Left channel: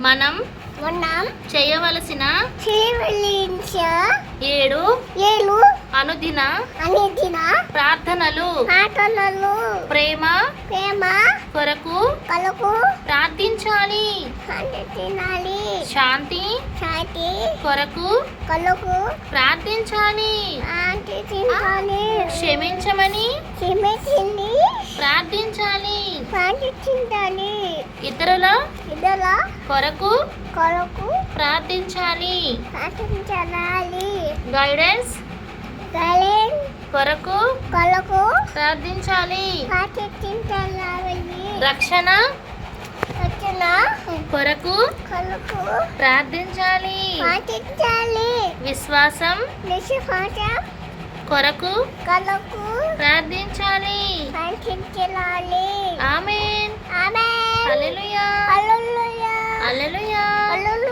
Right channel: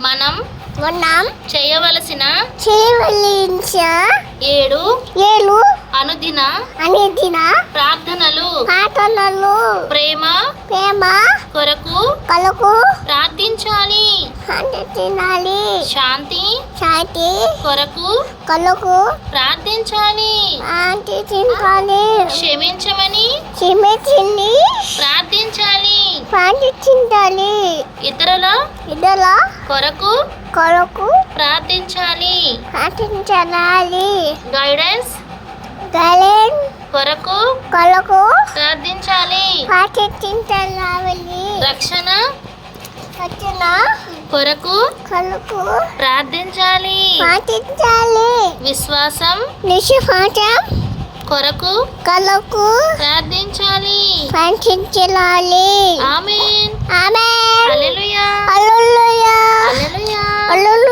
మనం మనం చేయవలసిన చేయవలసిన 7 అనుదిన ప్రార్థనలు ప్రార్థనలు ప్రేమ ప్రేమ కొరకు కలకు ప్రార్థించాలి. తినాలి శాంతి శాంతి కొరకు కలకు ప్రార్థించాలి. తినాలి క్షమించమని చిమ్మెచింది ప్రార్థించాలి. ప్రార్థించాలి ఇతరుల ఇదల కొరకు కొరకు ప్రార్థించాలి. ప్రార్థించాలి గైడెన్స్ గైడెన్స్ కొరకు కలకు ప్రార్థించాలి. ప్రార్థించాలి రక్షణ వచ్చిన కొరకు కలకు ప్రార్థించాలి. ప్రార్థించాలి విశ్వాసం నిశ్వాసం కొరకు కలకు ప్రార్థించాలి. ప్రార్థించాలి. ఆమేన్. ఆమేన్. హల్లెలూయా. హల్లెలూయా. హల్లెలూయా. హల్లెలూయా.